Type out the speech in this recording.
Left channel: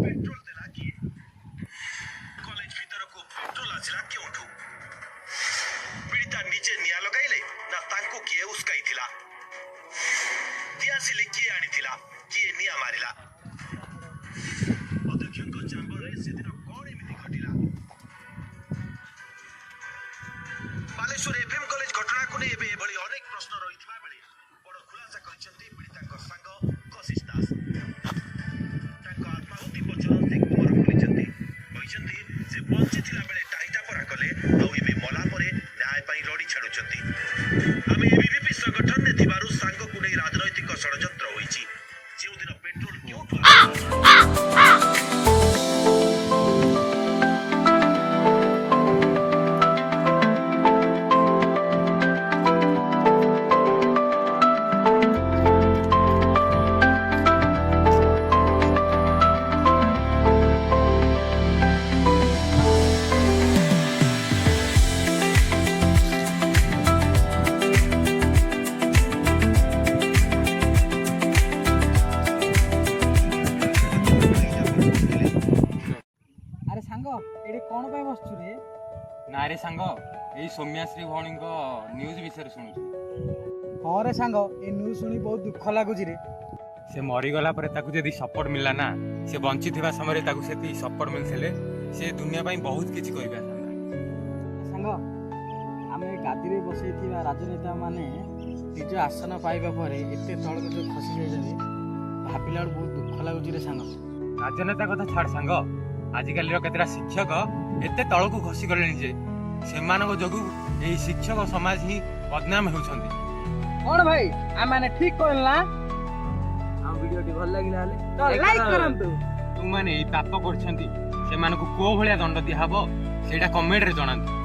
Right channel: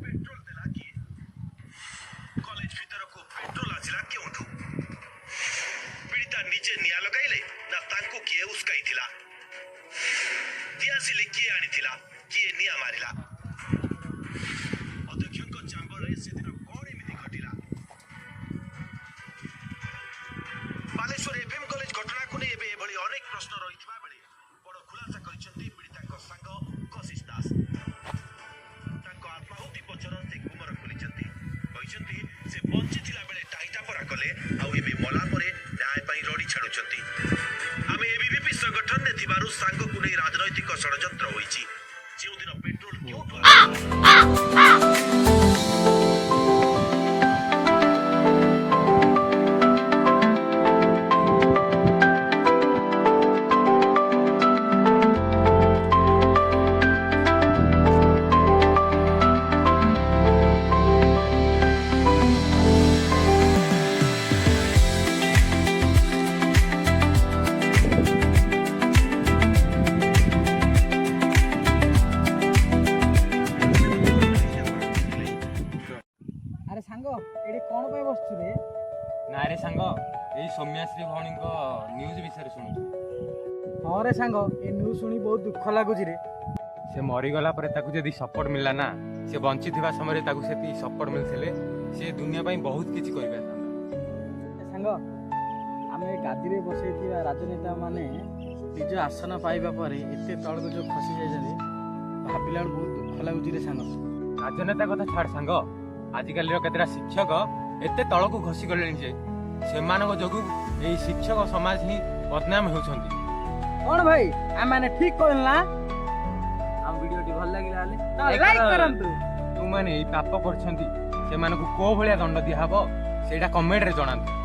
Petrol देला किए college भीतर को पेट्रोल आसिला क्योंठू पीड़िता निजे निया लगाइले ना तांको किए उसकाई थिला दियासिले किए आनी थिला किए निया मारिला अध्यक्षक चैम्बर रे से दिन कोन एमिति घटिला बालेश्वर एफएम कॉलेज घटना को नै एबे एभली अनेक प्रश्न रहितबा बेले बड़ खुलासा करिसंती पीड़ितांक संग कशिश दास तांको आत्माहुति पछर से कुमार करिसंती से बंची थिला बेले टाइटा परा कले आ एबे मला परे न्याय पई लड़ी छाडुचंती आमे एबीवीपी संगठन ने थिबारु सांग को नै राजनैतिक षडयंत्र होईची जेउ दिन पेट्रोल क्यों ना रे सांग यही सौम्याश्री भौणी न्यूज विषय शुणुछु हाँ रे सांग ए न्यूज शुणी बहुत दुख लगुच रे से मरीगला पर जदि सपोर्ट मिलला ना से बंची थिबा समय ताकू से सपोर्ट मिलथिले से दुनिया पाई बहुत किछि करिबा सांग आमे गादी रे बसैथिबा राजनेता माने निज आसन पाइबा पर एते तळक जो खसी जाइछन्ती भाबिला बहुत दुख लगुच रे सांग राजनेता कथा छाड़ सांग आजिकल केतरा शिक्षक एते तळकू खसी गले जे सेमानक जोगु एई शिक्षक समाज ही बदनाम होउछन्ती कोन भाई आ माने ठीक कहला हम वीडियो टी भल लागिला ले तो लाइक करंतु तू माने एई पाप करछन्ती सेमानक को भलिया दंड दिया हबो सेटा कमेंट रे जणांतु।